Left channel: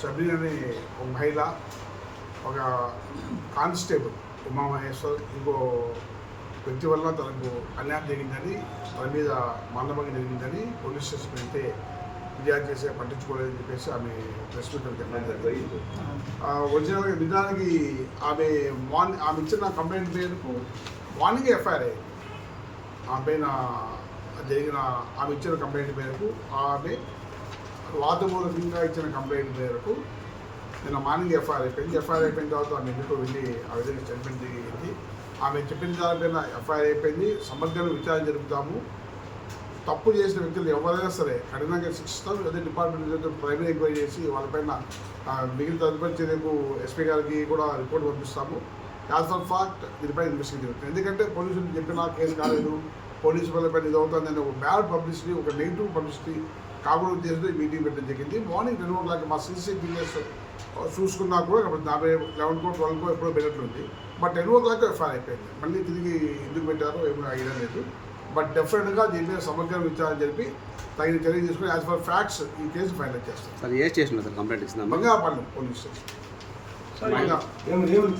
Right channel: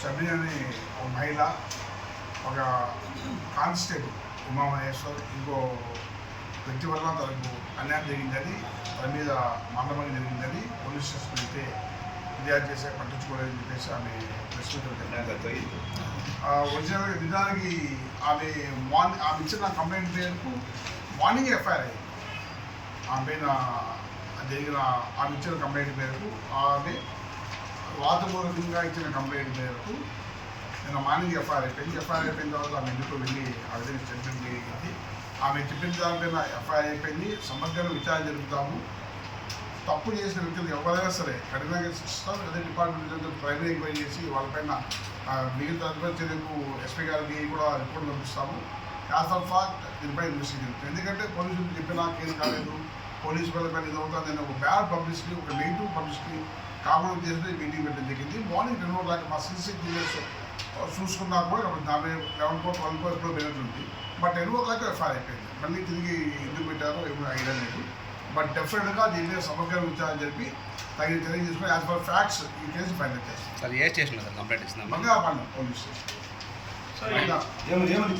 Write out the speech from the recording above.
షబీన్ అనే ఒక మహిళ ఒక కానిస్టేబుల్ ఉమామహేశ్వర్ ఇంకో వ్యక్తి వల్ల తనకు అన్యాయం జరిగిందని తన మీద మందభంగం జరిగిందని పోలీస్ స్టేషన్ వెళ్తే ఫిర్యాదు చేసే పట్టించుకోలేదని చెప్పేసి ఆమె మీట్ జరిగింది ఒరిజినల్గా నిజానికి ఆమె మార్నింగ్ ఆమె ఇచ్చిన కంప్లైంట్ మేరకు మార్నింగ్ ఎఫ్ఐఆర్ అయ్యింది ఆమె పైన జరిగిన ఆమె ఇచ్చిన కంప్లైంట్ మేరకు ఆమె వాదపూర్వకంగా ఇచ్చిన కంప్లైంట్ మేరకు నిన్న మార్నింగ్ ఎఫ్ఐఆర్ అయిపోయింది. ఎఫ్ఐఆర్ అయిపోయిన తర్వాత ఆమె ఎందుకు వెళ్ళి ఆ విధంగా స్టేట్మెంట్ జరిగింది ఆమె చెప్పిన దానిపైన ఎఫ్ఐఆర్ అయిపోయింది. సమగ్రంగా విచారణ జరుపుతాము. తప్పు చేసిన వ్యక్తులు ఎవరైనా సరే కఠినంగా శిక్షిస్తాం లేదా డిపార్ట్మెంట్ ప్రైమరీ ఎంక్వైరీ చేసి వాళ్ళపైన మిగిలిన తదుపరి చర్యకు ఎస్పీ గారికి కూడా రిపోర్ట్ పంపిస్తాము. యాజ్ ఆఫ్ ఫాక్ట్ దీనిపై ఇన్వెస్టిగేషన్ ఎందుకంటే పోలీసులు చెప్పినా కేసు కాలేదు. పోలీసు వాళ్ళపైన ఇది అవుతుందని ఒక బ్యాడ్ పబ్లిసిటీ ఒక నెగిటివ్ పబ్లిసిటీ కాకుండా చేసి మీటింగ్ పెట్టడం జరిగింది. మార్నింగ్ రెండు గంటలకి మా సీసీ టీవీఎస్ చూసుకున్నా కూడా యాభై లెవెన్ కో ట్వెల్వ్ కో ఎప్పుడో పెరిగినట్లుంది but ten o'clock FIR అయిపోయింది. మళ్ళీ తిరిగి ఎందుకు పెట్టారో ఏమో ఐడియా లేదు. బట్ డెఫినెట్గా దీని సమగ్ర విచారణ జరిపి తగిన చర్య తీసుకుని యాజ్ పర్ ఫ్యాక్ట్స్ ఈ కేసు ఫైనల్ చేస్తాం. సార్ ఏ స్టేషన్లో సార్ కంప్లైంట్ ఇచ్చిందమ్మా బంగాపాలెం పోలీస్ స్టేషన్. ఏమని ఏమని